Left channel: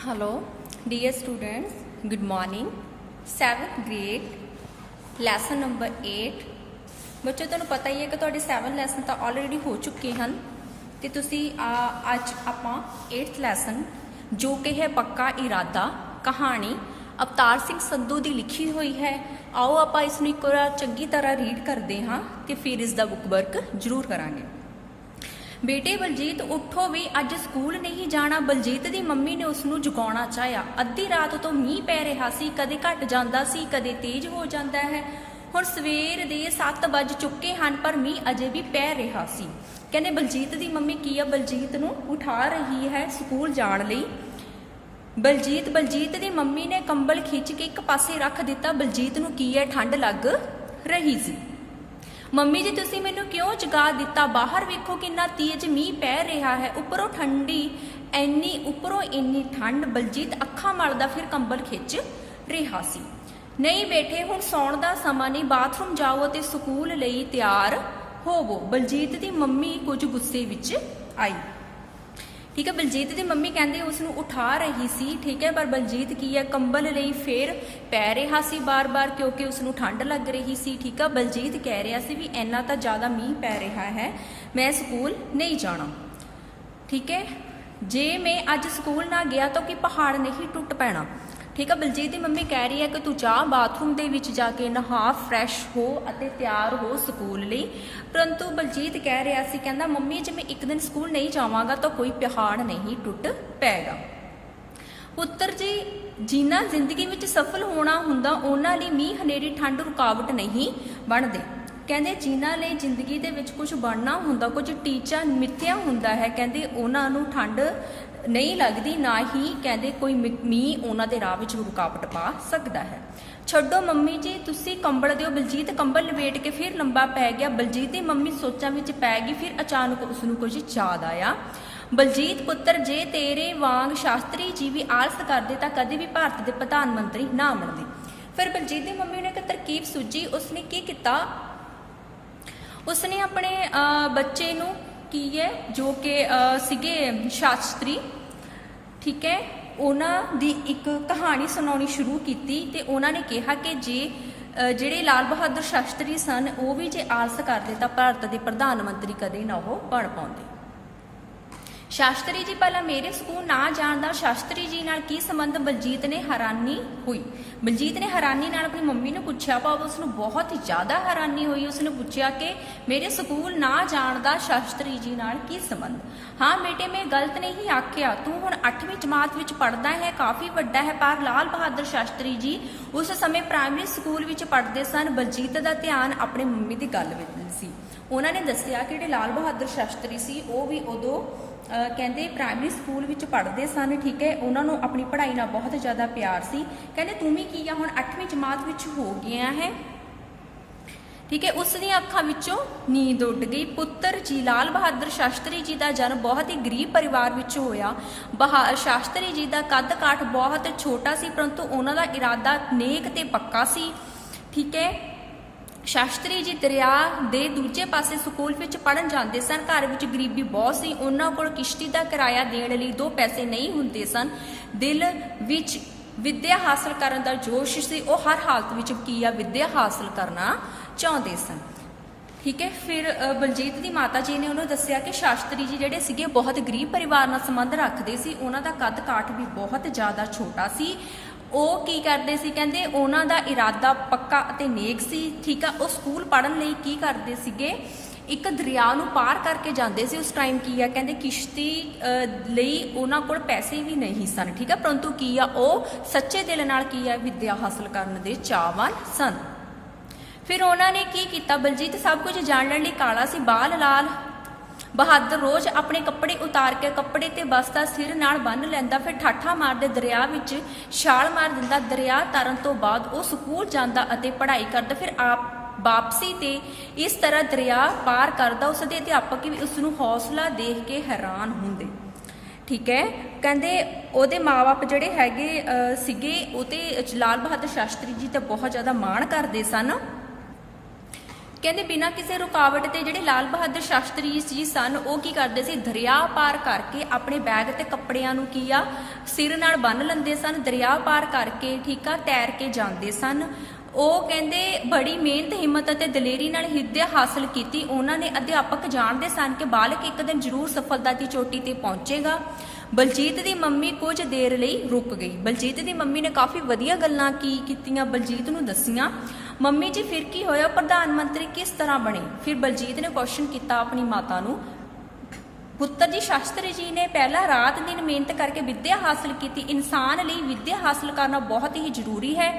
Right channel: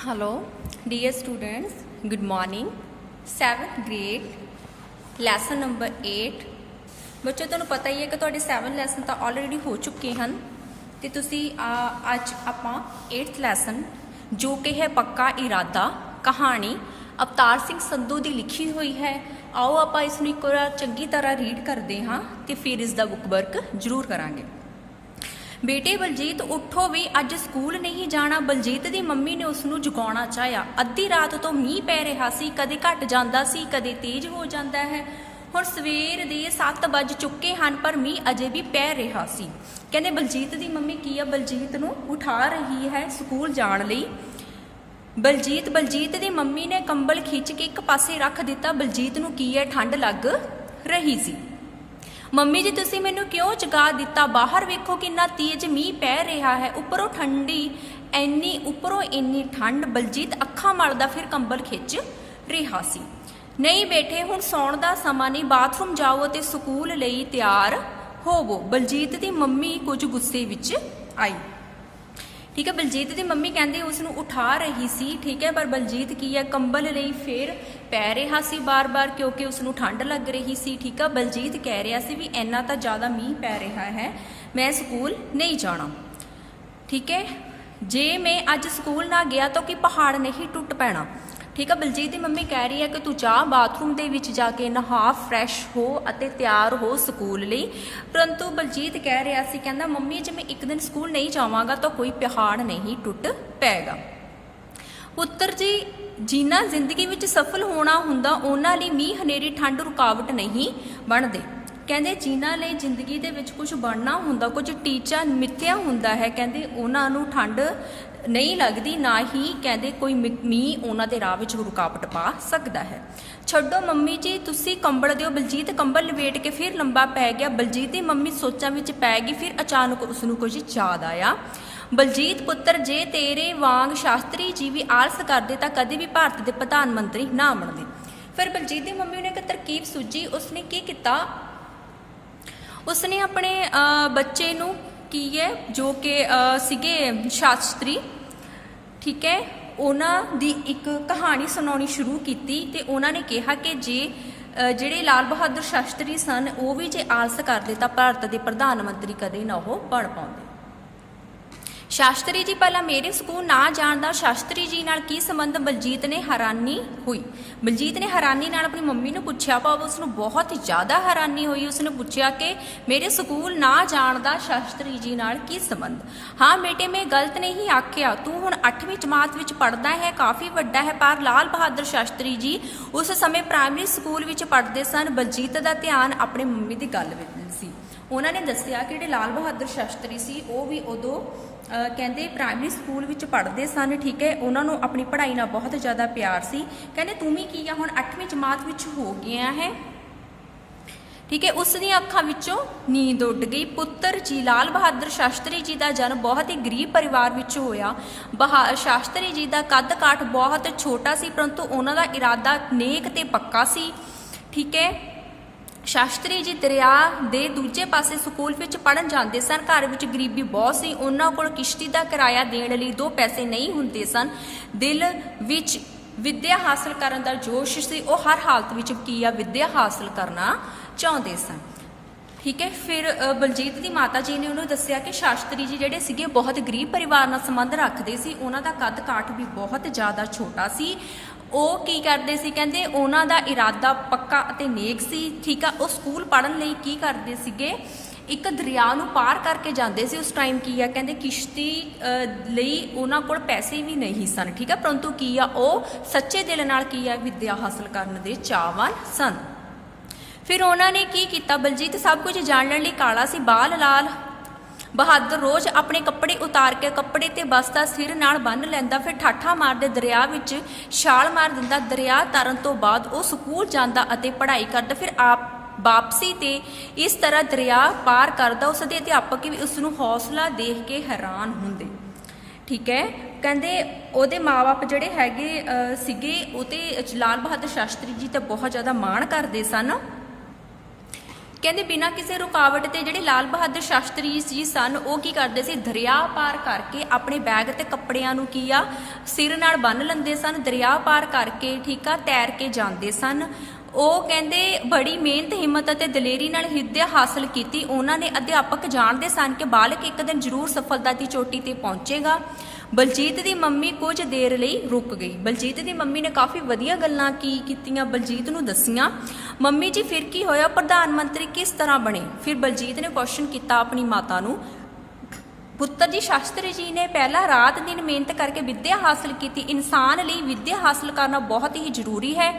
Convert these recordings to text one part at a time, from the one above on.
Hello, dear students. Good morning. 7th grade, lesson number 8. ਬੱਚੋ ਤੁਹਾਨੂੰ ਪਤਾ ਹੀ ਹੈ ਕਿ ਤੁਹਾਡੇ 7 ਲੈਸਨ ਤਾਂ ਆਲਰੇਡੀ ਹੋ ਚੁੱਕੇ ਹਨ ਤੇ ਤੁਸੀਂ ਅੱਜ ਆਪਾਂ 8th ਲੈਸਨ ਜੋ ਕਿ ਹੈ ਪੱਕਾ ਇਰਾਦਾ ਕਹਾਣੀ ਅਵਤਾਰ ਸਿੰਘ ਸੰਧੂ ਦੀ ਲਿਖੀ ਹੋਈ ਹੈ। ਆਓ ਆਪਾਂ ਇਸ ਨੂੰ ਇੱਕ ਵਾਰ ਚੰਗੀ ਤਰ੍ਹਾਂ ਰੀਡ ਕਰਦੇ ਹਾਂ ਤੇ ਫਿਰ ਇਸ ਦਾ ਬੁੱਕ ਵਰਕ ਜ਼ਰੂਰ ਕਰਾਂਗੇ। बेटे बलजीत उठो भी अज स्कूल नहीं जाना। बलजीत दी मम्मी ने उसनू जगाउणा चाहिया। अद्धी रात तो मीह पै रहा सी, कदे घट जांदा सी, कदे तेज हो जाता है। हुण सवेर दे 7 वज चुके हैं पर मीह अजे भी पै रहा सी। कहंदे बलजीत दी मम्मी की आ बलजीत नू उठा रही है स्कूल जाण लई। बलजीत दी मम्मी ने कंबल खिंच के एक पासे रख दिता। बलजीत नू की है ठंड लग रही सी। ਮੰਮੀ ਜੀ ਤੁਸੀਂ ਮੈਨੂੰ ਕਿਉਂ ਜਗਾ ਦਿੱਤਾ? ਬਾਹਰ ਵੇਖੋ ਕਿੰਨਾ ਤੇਜ਼ ਮੀਂਹ ਪੈ ਰਿਹਾ ਹੈ, ਉੱਪਰੋਂ ਠੰਡੀ ਇੰਨੀ ਠੰਡ। ਬਲਜੀਤ ਅੱਖਾਂ ਮਲਦਾ ਫਿਰ ਕੰਬਲ ਖਿੱਚ ਰਿਹਾ ਸੀ। ਨਹੀਂ ਬੇਟੇ ਹੁਣ ਸੌਣ ਦਾ ਸਮਾਂ ਨਹੀਂ, ਬਾਥਰੂਮ ਜਾਓ ਅਤੇ ਸਕੂਲ ਲਈ ਤਿਆਰ ਹੋਵੋ। ਬਲਜੀਤ ਦੀ ਮੰਮੀ ਕੁਝ ਗੁੱਸੇ ਵਿੱਚ ਆਈ। ठीक है, बलजीत की मम्मी कहते उसनू उठा रही सी। ठीक है, पर बलजीत की है कंबल लई फिर पै रहा सी बार बार क्योंकि उसनू ठंड लग रही सी। ठीक है, बलजीत कह रहा सी भी इन्ना तो ज़्यादा मीह पै रहा है, मैं स्कूल नहीं जाना। ठीक है, जे मैं अज स्कूल ना गया तो कि पहाड़ नहीं टुट पैना। ठीक है, बलजीत की मम्मी कह रही है कि तू जा बाथरूम दे विच जाके नहा फ्रैश हो अते तैयार हो स्कूल लई। परंतु बलजीत कह रहा सी, कहंदा मम्मी जे मैं एक दिन स्कूल नहीं जावांगा तो कोई पहाड़ नहीं टुट पैगा। पुत्तर जी जिन्ना जिंदगी विच सफल होना हुंदा उन्हां लई मीह हनेरी ठंड रुकावट नहीं बनदे। कहंदे जिन्हां लई जिंदगी दे विच कुछ बनना हुंदा, कुछ टीचा मिथ्या हुंदा है, कहंदे उन्हां नूं ठंड नहीं लगती, ना ही कहते कोई मीह उन्होंने राह में रुकावट पा सकता है। छड्डो मम्मी जी तुसी कंबल दिओ। बलजीत कंबल लपेट के फिर लंबा पै गया। बलजीत की मम्मी सोचां विच पै गई। फिर अचानक उसनू कुछ याद आया। बलजीत पुत्र जे तेरे वांग शास्त्री जी भी आलस करते तो कदे भी भारत के प्रधानमंत्री ना बनते। फिर बलजीत की मम्मी ने एक तरकीब सूझी। उसने की किया, उसने अपने बच्चे नू की है जो कि सीगे शास्त्री, ठीक है, उन्होंने दी एक कहानी सुनानी शुरू की ते उन्होंने कहा कि जे ਜਿਹੜੇ लाल बहादुर शास्त्री सन वो भी जे आलस करते तो भारत के प्रधानमंत्री कदे ना वो बन पाते। शास्त्री जी पहला मेरे स्कूल ना जान दा शास्त्री जी नाल की संबंध? बलजीत ने हैरानी हुई। बलजीत ने हैरानी नाल अपनी मम्मी ने पूछा, पर उसनू बहुत ही ज़्यादा हैरानी हुई। उसने पूछा कि मेरे स्कूल ना जान दा शास्त्री जी नाल की संबंध? हाँ बेटे मैं गलत नहीं आख्या, तू हुण 8वीं जमात विच पढ़दा है, काफ़ी वड्डा है। पर लाल बहादुर शास्त्री जी उस समय प्राइमरी स्कूल विच पढ़दे सन। बलजीत का ध्यान अपने मम्मी की गल विच सी। उन्होंने दस्सिया कि जिहड़े लाल बहादुर शास्त्री सी वो भी उदों कहते प्राइमरी स्कूल विच पढ़ते सन। ठीक है, उन्होंने अपनी पढ़ाई नाल बहुत ज़्यादा प्यार सी। कहते तू भी की हुण 8वीं जमात विच हो गया है। ठीक है, उसदी अखां विचों नींद उड़ गई। पुत्र जी लाल बहादुर शास्त्री जी का जन्म बहुत ही गरीब परिवार विच होया। शास्त्री जी का कद काठ बहुत छोटा सी परंतु उन्हों का इरादा नेक ते पक्का सी। ठीक है, शास्त्री जी दरिया दे दूजे पासे स्कूल विच पढ़न जाते सन। घर विच गरीबी बहुत सी, उन्हां कोल किश्ती का किराया देण लई 2 पैसे नहीं हुंदे सन। दिल विच विद्या हासिल करन दा जोश सी, वो हर हालत विच की आ विद्या हासिल करना चाहुंदे सन। ठीक है, फिर बलजीत की माता जी ने उन्होंने दस्सिया कि शास्त्री जी जिहड़े सीगे बहुत गरीब परिवार नाल संबंध रखते सी। उन्हां दा कद काठ भी बहुत ज़्यादा छोटा सी। ਉਹ ਕੀ ਕਰਦੇ ਸੀ? ਕਹਿੰਦੇ ਉਹਨਾਂ ਦਾ ਇਰਾਦਾ ਪੱਕਾ ਅਤੇ ਨੇਕ ਸੀ। ਠੀਕ ਆ, ਉਹ ਸਕੂਲ ਪੜ੍ਹਨ ਲਈ ਕੀ ਕਰਦੇ ਸੀਗੇ? ਇੱਕ ਦਰਿਆ ਨੂੰ ਪਾਰ ਕਰਕੇ ਜਾਂਦੇ ਸੀ। ਉਸ ਟਾਈਮ ਕੀ ਆ ਕਹਿੰਦੇ ਕਿਸ਼ਤੀ ਲਈ ਉਹਨਾਂ ਕੋਲ ਪੈਸੇ ਵੀ ਨਹੀਂ ਸਨ। ਠੀਕ ਆ, ਪਰੰਤੂ ਕੀ ਆ ਉਹ ਸੱਚੇ ਦਿਲ ਨਾਲ ਕੀ ਆ ਵਿਦਿਆ ਹਾਸਲ ਕਰਨ ਦੇ ਚਾਹਵਾਨ ਸਨ। ਫਿਰ ਉਹਨਾਂ ਨੇ ਕੀ ਕੀਤਾ? ਬਲਜੀਤ ਸਭ ਕੁਝ ਜਾਣਨ ਲਈ ਕਾਲਾ ਸੀ, ਬਾਲ ਲਾਲ बहादुर रोज़ अपने कपड़े उतार के कपड़े ते बसता सिर नाल बन लैंदा। फिर ठाठा मारदे दरिया विच छाल मार दिंदा। दरिया तरन तो बाद वो स्कूल जांदा अते पढ़ाई करदा। फिर आप वापसी ते इस तरह दरिया पार करदा। उसदे अध्यापक भी उसनूं हौसला देख के हैरान हुंदे। ठीक है, कहंदे ओहदे माँ बाप जिहड़े हैगे सीगे ओह ते लाल बहादुर शास्त्री जी ते बहुत ज़्यादा माण करदे सन। ਕਹਿੰਦੇ ਬਿਨਾਂ ਕਿਸੇ ਰੁਕਾਵਟ ਤੇ ਜਿਹੜੇ ਲਾਲ ਬਹਾਦਰ ਸ਼ਾਸਤਰੀ ਜੀ ਸਨ ਉਹ ਕੀ ਕਰਦੇ ਸੀ, ਦਰਿਆ ਪਾਰ ਕਰਕੇ ਆਪਣੇ ਬੈਗ ਤੇ ਕੱਪੜਿਆਂ ਨੂੰ ਕੀ ਆ ਸਿਰ ਨਾਲ ਬੰਨ੍ਹ ਲੈਂਦੇ ਸਨ, ਦਰਿਆ ਪਾਰ ਕਰਕੇ ਠੀਕ ਆ ਤੈਰ ਕੇ ਜਾਂਦੇ ਸਨ। ਉਹ ਕਹਿੰਦੇ ਬੜੀ ਮਿਹਨਤ ਹਿੰਮਤ ਅਤੇ ਦਲੇਰੀ ਨਾਲ ਵਿੱਦਿਆ ਹਾਸਲ ਕੀਤੀ। ਉਹਨਾਂ ਨੇ ਅਧਿਆਪਕ ਜਾਣਦੇ ਸਨ ਕਿ ਬਾਲਕ ਇੱਕ ਦਿਨ ਜ਼ਰੂਰ ਸਫਲਤਾ ਦੀ ਚੋਟੀ ਤੇ ਪਹੁੰਚੇਗਾ। ਬਲਜੀਤ ਦੀ ਮੰਮੀ ਕੁਝ ਦੇਰ ਲਈ ਰੁਕ ਗਈ। ਬਲਜੀਤ ਦੀ ਮੰਮੀ ਨੇ ਕਾਫੀ ਵਧੀਆ ਗੱਲਾਂ ਕੀਤੀਆਂ, ਬਲਜੀਤ ਨੂੰ ਦੱਸੀਆਂ। ਮੰਮੀ ਜੀ ਫਿਰ ਕੀ ਹੋਇਆ, ਪ੍ਰਧਾਨ ਮੰਤਰੀ ਕਿਸ ਤਰ੍ਹਾਂ ਬਣੇ? ਫਿਰ ਬਲਜੀਤ ਨੇ ਕੁਐਸਚਨ ਕੀਤਾ ਆਪਣੀ ਮਾਤਾ ਨੂੰ। ਪੁੱਤਰ ਜੀ, ਸ਼ਾਸਤਰੀ ਜੀ ਨੇ ਪਹਿਲਾਂ ਰਾਤ ਦਿਨ ਮਿਹਨਤ ਕਰਕੇ ਵਿੱਦਿਆ ਹਾਸਲ ਕੀਤੀ। ਇਨਸਾਨ ਲਈ ਵਿੱਦਿਆ ਹਾਸਲ ਕਰਨਾ ਬਹੁਤ ਹੀ ਜ਼ਰੂਰੀ ਹੈ।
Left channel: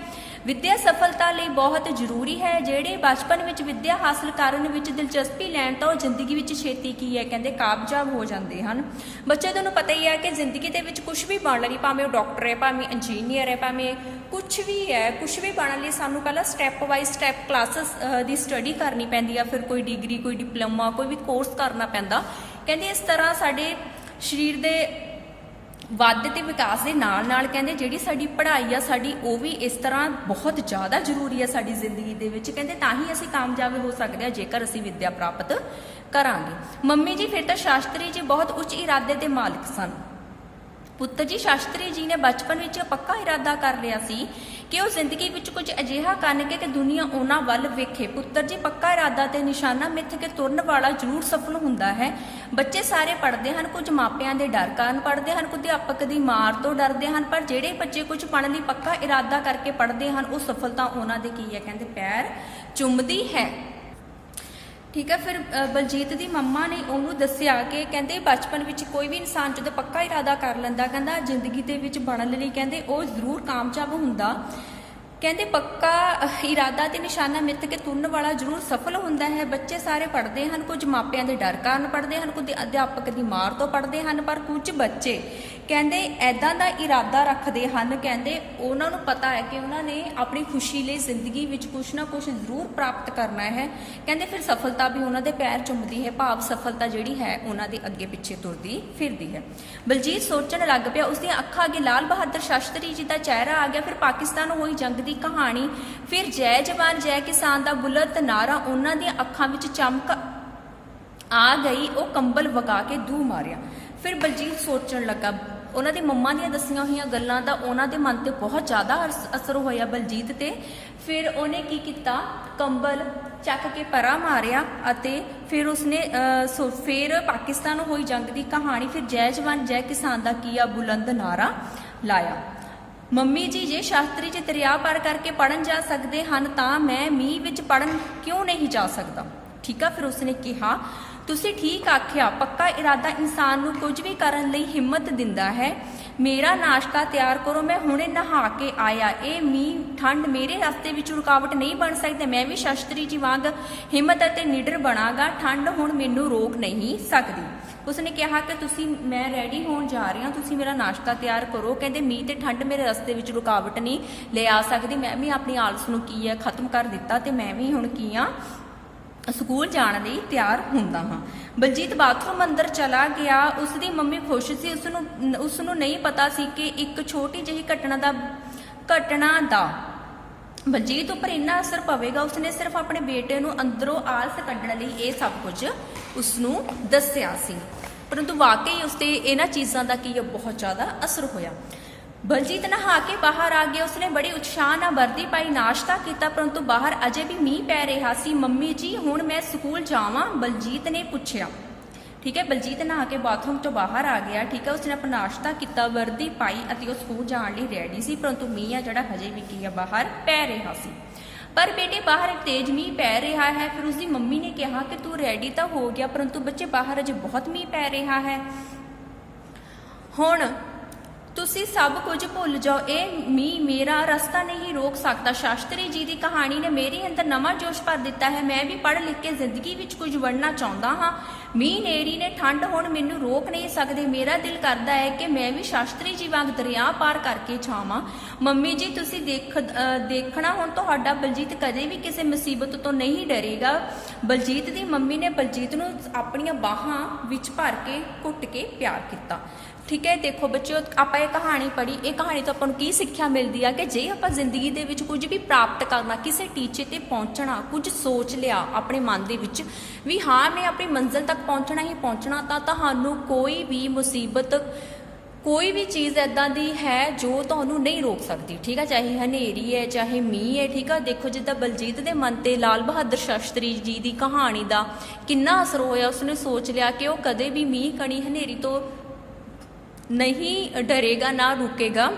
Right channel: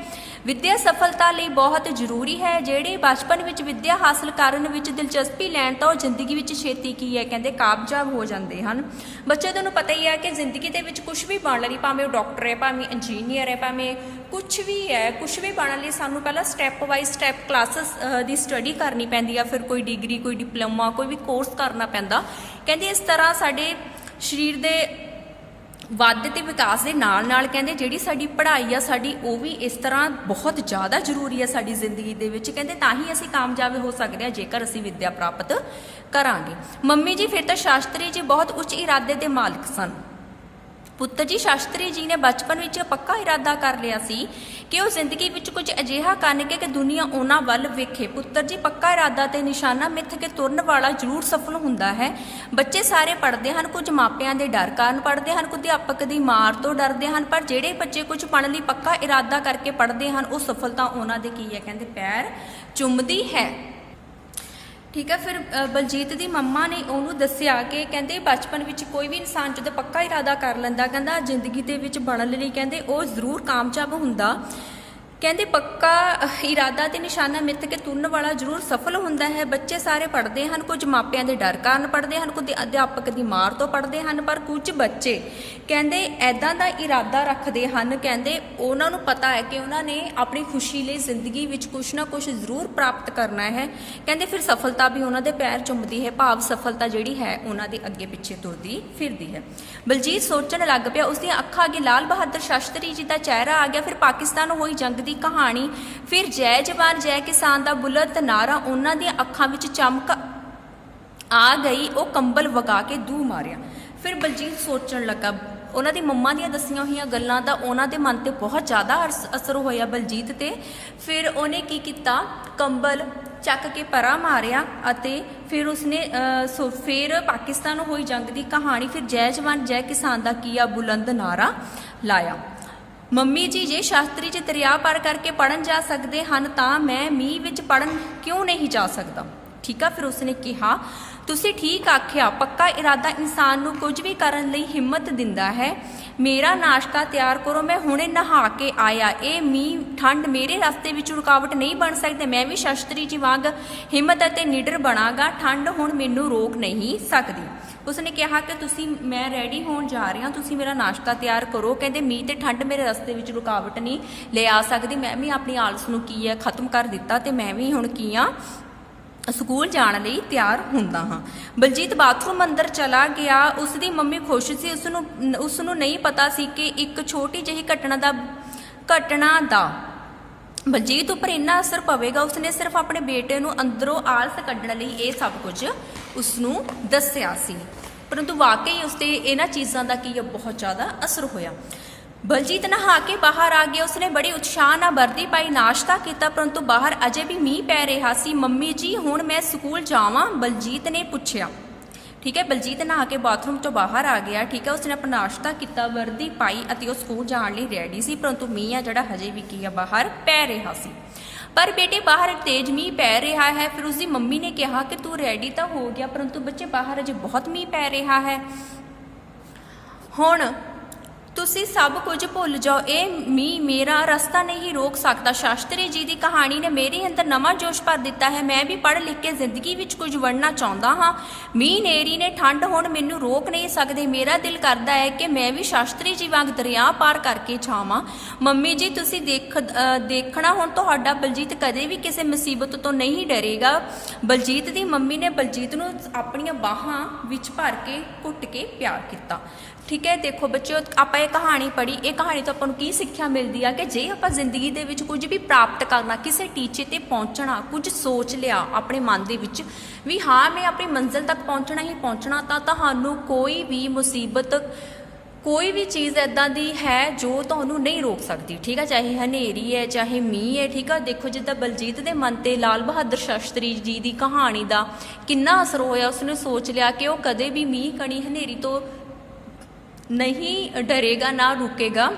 ਵਿੱਦਿਆ ਸਫਲਤਾ ਲਈ ਬਹੁਤ ਜ਼ਰੂਰੀ ਹੈ। ਜਿਹੜੇ ਬਚਪਨ ਵਿੱਚ ਵਿੱਦਿਆ ਹਾਸਲ ਕਰਨ ਵਿੱਚ ਦਿਲਚਸਪੀ ਲੈਣ ਤਾਂ ਉਹ ਜ਼ਿੰਦਗੀ ਵਿੱਚ ਛੇਤੀ ਕੀ ਹੈ ਕਹਿੰਦੇ ਕਾਮਯਾਬ ਹੋ ਜਾਂਦੇ ਹਨ। ਬੱਚੇ ਤੁਹਾਨੂੰ ਪਤਾ ਹੀ ਹੈ ਕਿ ਜ਼ਿੰਦਗੀ ਦੇ ਵਿੱਚ ਕੁਝ ਵੀ ਬਣਨ ਲਈ, ਭਾਵੇਂ ਉਹ ਡਾਕਟਰ ਹੈ, ਭਾਵੇਂ ਇੰਜੀਨੀਅਰ ਹੈ, ਭਾਵੇਂ ਕੁਝ ਵੀ ਹੈ, ਕੁਝ ਵੀ ਬਣਨ ਲਈ ਸਾਨੂੰ ਪਹਿਲਾਂ step by step classes the study ਕਰਨੀ ਪੈਂਦੀ ਆ, ਫਿਰ ਕੋਈ ਡਿਗਰੀ, ਕੋਈ ਡਿਪਲੋਮਾ, ਕੋਈ ਵੀ ਕੋਰਸ ਕਰਨਾ ਪੈਂਦਾ। ਕਹਿੰਦੇ ਇਸ ਤਰ੍ਹਾਂ ਸਾਡੇ ਸਰੀਰ ਦੇ ਵਾਧੇ ਤੇ ਵਿਕਾਸ ਦੇ ਨਾਲ ਨਾਲ ਕਹਿੰਦੇ ਜਿਹੜੀ ਸਾਡੀ ਪੜ੍ਹਾਈ ਆ ਸਾਡੀ ਉਹ ਵੀ ਇਸ ਤਰ੍ਹਾਂ ਬਹੁਤ ਜ਼ਿਆਦਾ ਜ਼ਰੂਰੀ ਹੈ ਸਾਡੀ ਜ਼ਿੰਦਗੀ ਦੇ ਵਿੱਚ। ਕਹਿੰਦੇ ਤਾਂ ਹੀ ਅਸੀਂ ਕਾਮਯਾਬ ਹੋ ਸਕਦੇ ਹਾਂ ਜੇਕਰ ਅਸੀਂ ਵਿੱਦਿਆ ਪ੍ਰਾਪਤ ਕਰਾਂਗੇ। ਮੰਮੀ ਜੀ ਫਿਰ ਤਾਂ ਸ਼ਾਸਤਰੀ ਜੀ ਬਹੁਤ ਉੱਚ ਇਰਾਦੇ ਦੇ ਮਾਲਕ ਸਨ। ਪੁੱਤਰ ਜੀ, ਸ਼ਾਸਤਰੀ ਜੀ ਨੇ ਬਚਪਨ ਵਿੱਚ ਪੱਕਾ ਇਰਾਦਾ ਕਰ ਲਿਆ ਸੀ ਕਿ ਉਹ ਜ਼ਿੰਦਗੀ ਵਿੱਚ ਕੁਝ ਅਜਿਹਾ ਕਰਨਗੇ ਕਿ ਦੁਨੀਆ ਉਹਨਾਂ ਵੱਲ ਵੇਖੇ। ਪੁੱਤਰ ਜੀ, ਪੱਕਾ ਇਰਾਦਾ ਤੇ ਨਿਸ਼ਾਨਾ ਮਿੱਥ ਕੇ ਤੁਰਨ ਵਾਲਾ ਜ਼ਰੂਰ ਸਫਲ ਹੁੰਦਾ ਹੈ। ਬੱਚੇ ਸਾਰੇ ਪੜ੍ਹਦੇ ਹਨ, ਕੁਝ ਮਾਪਿਆਂ ਦੇ ਡਰ ਕਾਰਨ ਪੜ੍ਹਦੇ ਹਨ, ਕੁਝ ਅਧਿਆਪਕ ਦੀ ਮਾਰ ਤੋਂ ਡਰਦੇ ਹਨ, ਪਰ ਜਿਹੜੇ ਬੱਚੇ ਕੁਝ ਬਣਨ ਦੀ ਪੱਕਾ ਇਰਾਦਾ ਕਰਕੇ ਪੜ੍ਹਦੇ ਹਨ ਉਹ ਸਫਲਤਾ ਉਹਨਾਂ ਦੇ ਕੀ ਹੈ ਕਹਿੰਦੇ ਪੈਰ ਚੁੰਮਦੀ ਹੈ। ਠੀਕ ਹੈ। ਫਿਰ ਬਲਜੀਤ ਦੀ ਮੰਮਾ ਨੇ ਉਹਨੂੰ ਦੱਸਿਆ ਕਿ ਕਹਿੰਦੇ ਬਚਪਨ ਵਿੱਚ ਕੋਈ ਵੀ ਇਨਸਾਨ ਜਦੋਂ ਪੱਕਾ ਇਰਾਦਾ ਕਰ ਲੈਂਦਾ ਕਹਿੰਦਾ ਜ਼ਿੰਦਗੀ ਦੇ ਵਿੱਚ ਬਣਨ ਲਈ ਕਹਿੰਦੇ ਉਹ ਜ਼ਰੂਰ ਕਾਮਯਾਬ ਹੁੰਦਾ। ਕਹਿੰਦੇ ਪੱਕਾ ਇਰਾਦਾ ਤੇ ਨਿਸ਼ਾਨਾ ਮਿੱਥ ਕੇ ਤੁਰਨ ਵਾਲਾ ਜ਼ਰੂਰ ਸਫਲ ਹੁੰਦਾ ਹੈ। ਬੱਚੇ ਸਾਰੇ ਪੜ੍ਹਦੇ ਹਨ, ਕੁਝ ਮਾਪਿਆਂ ਦੇ ਡਰ ਕਾਰਨ ਪੜ੍ਹਦੇ ਹਨ, ਕੁਝ ਅਧਿਆਪਕ ਦੀ ਮਾਰ ਤੋਂ ਪੜ੍ਹਦੇ ਹਨ, ਪਰ ਕੁਝ ਬੱਚੇ ਕਹਿੰਦੇ ਐਦਾਂ ਦਾ ਇਰਾਦਾ ਰੱਖਦੇ ਹਨ, ਕਹਿੰਦੇ ਉਹਨਾਂ ਨੂੰ ਪਤਾ ਹੈ ਕਿ ਉਹਨਾਂ ਨੇ ਆਪਣੀ ਖੁਸ਼ੀ ਲਈ ਜ਼ਿੰਦਗੀ ਵਿੱਚ ਕੁਛ ਨਾ ਕੁਛ ਜ਼ਰੂਰ ਪ੍ਰਾਪਤ ਕਰਨਾ ਹੈ। ਕਹਿੰਦੇ ਫਿਰ ਸਫਲਤਾ ਵੀ ਉਹਨਾਂ ਦੇ ਪੈਰ ਚੁੰਮਦੀ ਹੈ, ਭਾਵ ਸਫਲਤਾ ਜਿਹੜੀ ਹੈ ਉਹਨਾਂ ਦੇ ਅੱਗੇ ਪਿੱਛੇ ਤੁਰਦੀ ਫਿਰਦੀ ਹੈ। ਬਲਜੀਤ ਸੋਚਣ ਲੱਗ ਪਿਆ। ਉਸਦੀਆਂ ਅੱਖਾਂ ਅੱਗੇ ਲਾਲ ਬਹਾਦਰ ਸ਼ਾਸਤਰੀ ਜੀ ਦਾ ਚਿਹਰਾ ਆ ਗਿਆ। ਫਿਰ ਪਾਕਿਸਤਾਨ ਹੋਈ ਜੰਗ ਦੀ ਕਹਾਣੀ, ਫਿਰ ਜੈ ਜਵਾਨ ਜੈ ਕਿਸਾਨ ਦਾ ਬੁਲੰਦ ਨਾਰਾ ਉਹਨਾਂ ਦੀਆਂ ਅੱਖਾਂ ਵਿੱਚ ਚਮਕ ਆ ਗਈ। ਉਹ ਕੰਬਲ ਵਗਾ ਕੇ ਦੂ ਮਾਰਿਆ। ਫਿਰ ਬਲਜੀਤ ਸੋਚਣ ਲੱਗਾ। ਉਹਨਾਂ ਦੀ ਮੰਮਾ ਦੀਆਂ ਦੱਸੀਆਂ ਹੋਈਆਂ ਗੱਲਾਂ ਦਾ ਉਹਨਾਂ ਦੇ ਮਨ ਤੇ ਬਹੁਤ ਜ਼ਿਆਦਾ ਅਸਰ ਹੋਇਆ ਬਲਜੀਤ ਤੇ। ਫਿਰ ਉਹਨੇ ਕੀ ਕੀਤਾ, ਕੰਬਲ ਚੱਕ ਕੇ ਪਰਾਂ ਮਾਰਿਆ ਅਤੇ ਫਿਰ ਉਸਨੇ ਫਿਰ ਪਾਕਿਸਤਾਨ ਹੋਈ ਜੰਗ ਦੀ ਕਹਾਣੀ, ਫਿਰ ਜੈ ਜਵਾਨ ਜੈ ਕਿਸਾਨ ਦਾ ਕੀ ਆ ਬੁਲੰਦ ਨਾਰਾ ਲਾਇਆ। ਮੰਮੀ ਜੀ, ਜੇ ਸ਼ਾਸਤਰੀ ਜੀ ਦਰਿਆ ਪਾਰ ਕਰਕੇ ਪੜਨ ਜਾ ਸਕਦੇ ਹਨ ਤਾਂ ਮੈਂ ਮੀਂਹ ਵਿੱਚ ਪੜਨ ਕਿਉਂ ਨਹੀਂ ਜਾ ਸਕਦਾ? ਠੀਕ ਆ। ਫਿਰ ਉਸਨੇ ਕਿਹਾ ਤੁਸੀਂ ਠੀਕ ਆਖਿਆ, ਪੱਕਾ ਇਰਾਦਾ ਇਨਸਾਨ ਨੂੰ ਕੁਝ ਵੀ ਕਰਨ ਲਈ ਹਿੰਮਤ ਦਿੰਦਾ ਹੈ। ਮੇਰਾ ਨਾਸ਼ਤਾ ਤਿਆਰ ਕਰੋ, ਮੈਂ ਹੁਣੇ ਨਹਾ ਕੇ ਆਇਆ। ਇਹ ਮੀਂਹ ਠੰਡ ਮੇਰੇ ਰਸਤੇ ਵਿੱਚ ਰੁਕਾਵਟ ਨਹੀਂ ਬਣ ਸਕਦੇ। ਮੈਂ ਵੀ ਸ਼ਾਸਤਰੀ ਜੀ ਵਾਂਗ ਹਿੰਮਤ ਅਤੇ ਨਿਡਰ ਬਣਾਂਗਾ। ਠੰਡ ਹੁਣ ਮੈਨੂੰ ਰੋਕ ਨਹੀਂ ਸਕਦੀ। ਉਸਨੇ ਕਿਹਾ ਕਿ ਮੈਂ ਰੈਡੀ ਹੋਣ ਜਾ ਰਹੀ ਹਾਂ, ਤੁਸੀਂ ਮੇਰਾ ਨਾਸ਼ਤਾ ਤਿਆਰ ਕਰੋ। ਕਹਿੰਦੇ ਮੀਂਹ ਤੇ ਠੰਡ ਮੇਰੇ ਰਸਤੇ ਵਿੱਚ ਰੁਕਾਵਟ ਨਹੀਂ ਲੈ ਆ ਸਕਦੀ। ਮੈਂ ਵੀ ਆਪਣੀ ਆਲਸ ਨੂੰ ਕੀ ਹੈ ਖਤਮ ਕਰ ਦਿੱਤਾ ਤੇ ਮੈਂ ਵੀ ਹੁਣ ਕੀ ਆ ਸਕੂਲ ਜਾਣ ਲਈ ਤਿਆਰ ਹੁੰਦਾ ਹਾਂ। ਬਲਜੀਤ ਬਾਥਰੂਮ ਅੰਦਰ ਚਲਾ ਗਿਆ। ਉਸਦੀ ਮੰਮੀ ਖੁਸ਼ ਸੀ। ਉਸਨੂੰ ਨਹੀਂ ਪਤਾ ਸੀ ਕਿ ਇੱਕ ਛੋਟੀ ਜਿਹੀ ਘਟਨਾ ਦਾ ਬਲਜੀਤ ਉੱਪਰ ਇੰਨਾ ਅਸਰ ਪਵੇਗਾ। ਉਸਨੇ ਸਿਰਫ ਆਪਣੇ ਬੇਟੇ ਨੂੰ ਅੰਦਰੋਂ ਆਲਸ ਕੱਢਣ ਲਈ ਇਹ ਸਭ ਕੁਝ ਉਸਨੂੰ ਦੱਸਿਆ ਸੀ, ਪਰੰਤੂ ਵਾਕਈ ਉਸ ਤੇ ਇਹਨਾਂ ਚੀਜ਼ਾਂ ਦਾ ਕੀ ਬਹੁਤ ਜ਼ਿਆਦਾ ਅਸਰ ਹੋਇਆ। ਬਲਜੀਤ ਨਹਾ ਕੇ ਬਾਹਰ ਆ ਗਿਆ। ਉਸਨੇ ਬੜੀ ਉਤਸ਼ਾਹ ਨਾਲ ਵਰਦੀ ਪਾਈ, ਨਾਸ਼ਤਾ ਕੀਤਾ, ਪਰੰਤੂ ਬਾਹਰ ਅਜੇ ਵੀ ਮੀਂਹ ਪੈ ਰਿਹਾ ਸੀ। ਮੰਮੀ ਜੀ, ਹੁਣ ਮੈਂ ਸਕੂਲ ਜਾਵਾਂ? ਬਲਜੀਤ ਨੇ ਪੁੱਛਿਆ। ਠੀਕ ਹੈ। ਬਲਜੀਤ ਨਹਾ ਕੇ ਬਾਥਰੂਮ ਤੋਂ ਬਾਹਰ ਆ ਗਿਆ। ਠੀਕ ਹੈ। ਉਸਨੇ ਆਪਣਾ ਨਾਸ਼ਤਾ ਕੀਤਾ, ਵਰਦੀ ਪਾਈ ਅਤੇ ਉਹ ਸਕੂਲ ਜਾਣ ਲਈ ਰੈਡੀ ਸੀ, ਪਰੰਤੂ ਮੀਂਹ ਆ ਜਿਹੜਾ ਹਜੇ ਵੀ ਕੀ ਆ ਬਾਹਰ ਪੈ ਰਿਹਾ ਸੀ। ਪਰ ਬੇਟੇ ਬਾਹਰ ਤੇਜ਼ ਮੀਂਹ ਪੈ ਰਿਹਾ ਹੈ। ਫਿਰ ਉਸਦੀ ਮੰਮੀ ਨੇ ਕਿਹਾ ਕਿ ਤੂੰ ਰੈਡੀ ਤਾਂ ਹੋ ਗਿਆ, ਪਰੰਤੂ ਬੱਚੇ ਬਾਹਰ ਅਜੇ ਬਹੁਤ ਮੀਂਹ ਪੈ ਰਿਹਾ ਹੈ। ਹੁਣ ਤੁਸੀਂ ਸਭ ਕੁਝ ਭੁੱਲ ਜਾਓ। ਇਹ ਮੀਂਹ ਮੇਰਾ ਰਸਤਾ ਨਹੀਂ ਰੋਕ ਸਕਦਾ। ਸ਼ਾਸਤਰੀ ਜੀ ਦੀ ਕਹਾਣੀ ਨੇ ਮੇਰੇ ਅੰਦਰ ਨਵਾਂ ਜੋਸ਼ ਭਰ ਦਿੱਤਾ ਹੈ। ਮੈਂ ਵੀ ਪੜ੍ਹ ਲਿਖ ਕੇ ਜ਼ਿੰਦਗੀ ਵਿੱਚ ਕੁਝ ਬਣਨਾ ਚਾਹੁੰਦਾ ਹਾਂ। ਮੀਂਹ ਨੇਰੀ ਨੇ ਠੰਡ ਹੁਣ ਮੈਨੂੰ ਰੋਕ ਨਹੀਂ ਸਕਦੇ। ਮੇਰਾ ਦਿਲ ਕਰਦਾ ਹੈ ਕਿ ਮੈਂ ਵੀ ਸ਼ਾਸਤਰੀ ਜੀ ਵਾਂਗ ਦਰਿਆ ਪਾਰ ਕਰਕੇ ਛਾਵਾਂ। ਮੰਮੀ ਜੀ, ਤੁਸੀਂ ਦੇਖਣਾ ਹੁਣ ਤੁਹਾਡਾ ਬਲਜੀਤ ਕਦੇ ਵੀ ਕਿਸੇ ਮੁਸੀਬਤ ਤੋਂ ਨਹੀਂ ਡਰੇਗਾ। ਬਲਜੀਤ ਦੀ ਮੰਮੀ ਨੇ ਬਲਜੀਤ ਨੂੰ ਆਪਣੀਆਂ ਬਾਹਾਂ ਵਿੱਚ ਭਰ ਕੇ ਘੁੱਟ ਕੇ ਪਿਆਰ ਕੀਤਾ। ਠੀਕ ਹੈ। ਦੇਖੋ ਬੱਚਿਓ, ਆਪਾਂ ਇਹ ਕਹਾਣੀ ਪੜ੍ਹੀ, ਇਹ ਕਹਾਣੀ ਤੋਂ ਆਪਾਂ ਨੂੰ ਕੀ ਸਿੱਖਿਆ ਮਿਲਦੀ ਆ ਕਿ ਜੇ ਆਪਾਂ ਜ਼ਿੰਦਗੀ ਦੇ ਵਿੱਚ ਕੁਝ ਵੀ ਪ੍ਰਾਪਤ ਕਰਨਾ, ਕਿਸੇ ਟੀਚੇ ਤੇ ਪਹੁੰਚਣਾ, ਕੁਝ ਸੋਚ ਲਿਆ ਆਪਣੇ ਮਨ ਦੇ ਵਿੱਚ ਵੀ ਹਾਂ ਮੈਂ ਆਪਣੀ ਮੰਜ਼ਿਲ ਤੱਕ ਪਹੁੰਚਣਾ ਹੀ ਪਹੁੰਚਣਾ, ਤਾਂ ਤੁਹਾਨੂੰ ਕੋਈ ਵੀ ਮੁਸੀਬਤ, ਕੋਈ ਵੀ ਚੀਜ਼ ਇੱਦਾਂ ਦੀ ਹੈ ਜੋ ਤੁਹਾਨੂੰ ਨਹੀਂ ਰੋਕ ਸਕਦੀ। ਠੀਕ ਆ, ਚਾਹੇ ਹਨੇਰੀ ਹੈ, ਚਾਹੇ ਮੀਂਹ ਹੈ। ਠੀਕ ਆ, ਦੇਖੋ ਜਿੱਦਾਂ ਬਲਜੀਤ ਦੇ ਮਨ ਤੇ ਲਾਲ ਬਹਾਦਰ ਸ਼ਾਸਤਰੀ ਜੀ ਦੀ ਕਹਾਣੀ ਦਾ ਕਿੰਨਾ ਅਸਰ ਹੋਇਆ। ਉਸਨੇ ਸੋਚ ਲਿਆ ਕਿ ਉਹ ਕਦੇ ਵੀ ਮੀਂਹ, ਕਣੀ, ਹਨੇਰੀ ਤੋਂ ਨਹੀਂ ਡਰੇਗਾ, ਨਾ ਰੁਕੇਗਾ,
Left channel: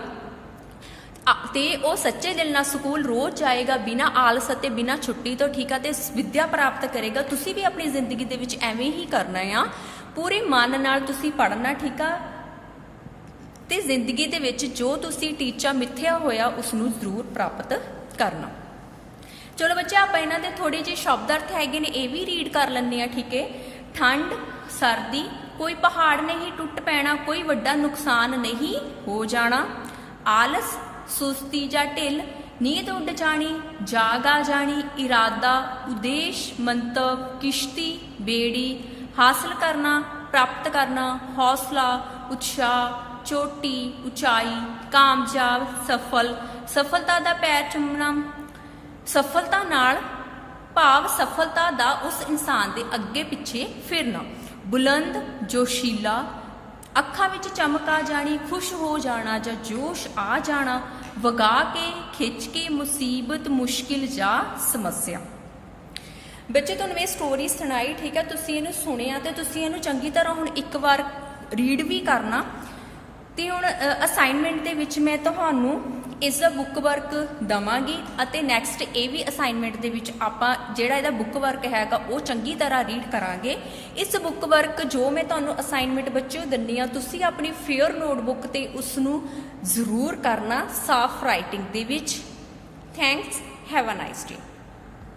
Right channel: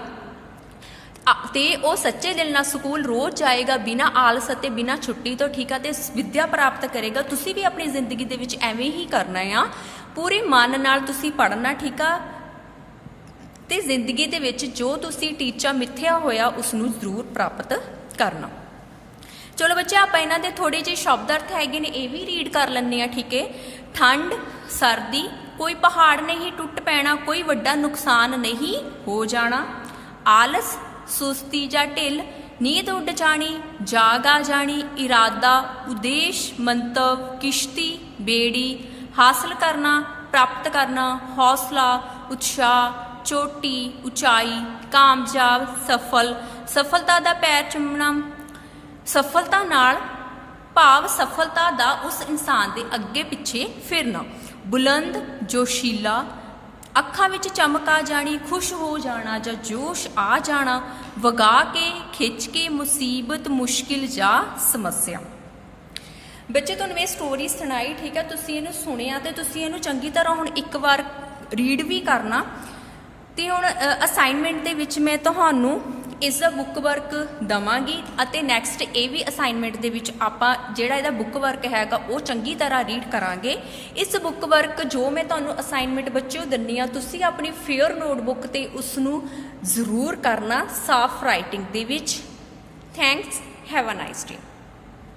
ਤੇ ਉਹ ਸੱਚੇ ਦਿਲ ਨਾਲ ਸਕੂਲ ਰੋਜ਼ ਜਾਏਗਾ, ਬਿਨਾਂ ਆਲਸ ਅਤੇ ਬਿਨਾਂ ਛੁੱਟੀ ਤੋਂ। ਠੀਕ ਆ, ਤੇ ਵਿੱਦਿਆ ਪ੍ਰਾਪਤ ਕਰੇਗਾ। ਤੁਸੀਂ ਵੀ ਆਪਣੀ ਜ਼ਿੰਦਗੀ ਦੇ ਵਿੱਚ ਐਵੇਂ ਹੀ ਕਰਨਾ ਆ, ਪੂਰੇ ਮਨ ਨਾਲ ਤੁਸੀਂ ਪੜ੍ਹਨਾ। ਠੀਕ ਆ, ਤੇ ਜ਼ਿੰਦਗੀ ਦੇ ਵਿੱਚ ਜੋ ਤੁਸੀਂ ਟੀਚਾ ਮਿੱਥਿਆ ਹੋਇਆ ਉਸ ਨੂੰ ਜ਼ਰੂਰ ਪ੍ਰਾਪਤ ਕਰਨਾ। ਚਲੋ ਬੱਚੇ, ਆਪਾਂ ਇਹਨਾਂ ਦੇ ਥੋੜੇ ਜਿਹੇ ਸ਼ਬਦ ਅਰਥ ਹੈਗੇ ਨੇ, ਇਹ ਵੀ ਰੀਡ ਕਰ ਲੈਂਦੇ ਆ। ਠੀਕ ਹੈ। ਠੰਡ, ਸਰਦੀ, ਕੋਈ ਪਹਾੜ ਨਹੀਂ ਟੁੱਟ ਪੈਣਾ, ਕੋਈ ਵੱਡਾ ਨੁਕਸਾਨ ਨਹੀਂ ਹੋ ਜਾਣਾ। ਆਲਸ, ਸੁਸਤੀ ਜਾਂ ਢਿੱਲ, ਨੀਂਦ ਉੱਡ ਜਾਣੀ, ਜਾਗ ਆ ਜਾਣੀ। ਇਰਾਦਾ, ਉਦੇਸ਼, ਮੰਤਵ, ਕਿਸ਼ਤੀ, ਬੇੜੀ, ਹਾਸਲ ਕਰਨਾ, ਪ੍ਰਾਪਤ ਕਰਨਾ। ਹੌਸਲਾ, ਉਤਸ਼ਾਹ, ਚੋਟੀ, ਉਚਾਈ, ਕਾਮਯਾਬ, ਸਫਲ, ਸਫਲਤਾ ਦਾ ਪੈਰ ਚੁੰਮਣਾ। ਸਫਲਤਾ ਨਾਲ ਭਾਵ ਸਫਲਤਾ ਦਾ ਉਸ ਇਨਸਾਨ ਦੇ ਅੱਗੇ ਪਿੱਛੇ ਫਿਰਨਾ। ਬੁਲੰਦ, ਜੋਸ਼ੀਲਾ, ਅੱਖਾਂ ਵਿੱਚ ਚਮਕ ਆ ਜਾਣੀ, ਖੁਸ਼ ਹੋ ਜਾਣਾ ਜਾਂ ਜੋਸ਼ ਆ ਜਾਣਾ। ਵਗਾ ਕੇ, ਖਿੱਚ ਕੇ, ਮੁਸੀਬਤ, ਮੁਸ਼ਕਿਲ ਜਾਂ ਸਮੱਸਿਆ। ਬੱਚੇ, ਤੁਹਾਨੂੰ ਇਹ ਸਟੋਰੀ ਸੁਣਾਈ। ਠੀਕ ਹੈ, ਤੁਸੀਂ ਇਹਨੂੰ ਸੁਣਿਆ ਤੇ ਤੁਸੀਂ ਇਹਨੂੰ ਚੰਗੀ ਤਰ੍ਹਾਂ ਹੁਣ ਇੱਕ ਵਾਰ ਰੀਡ ਵੀ ਕਰਨਾ। ਤੇ ਹੁਣ ਅਸਾਈਨਮੈਂਟ ਦੇ ਵਿੱਚ ਮੈਂ ਤੁਹਾਨੂੰ ਇਸ ਦਾ ਬੁੱਕ ਵਰਕ ਦਵਾਂਗੀ, ਅਤੇ ਨੈਕਸਟ ਇਹ ਵੀ ਅਸਾਈਨਮੈਂਟ ਦੇ ਵਿੱਚ ਆਪਾਂ ਜਿਹੜਾ ਇਹਦਾ ਬੁੱਕ ਵਰਕ ਹੈਗਾ ਉਹ ਚੰਗੀ ਤਰ੍ਹਾਂ ਰੀਡ ਕਰਾਂਗੇ। ਇਸ ਬੁੱਕ ਵਰਕ ਜੋ ਮੈਂ ਤੁਹਾਨੂੰ ਅਸਾਈਨਮੈਂਟ ਬੱਚਿਓ ਦਿੰਦੀ ਆ, ਤੁਸੀਂ ਆਪਣੀ ਫੇਅਰ ਨੋਟਬੁੱਕ ਤੇ ਉਸ ਨੂੰ ਜ਼ਰੂਰ ਕਰਨਾ, ਸਾਫ਼ ਰਾਈਟਿੰਗ ਦੇ ਵਿੱਚ। Thanks, have a nice day.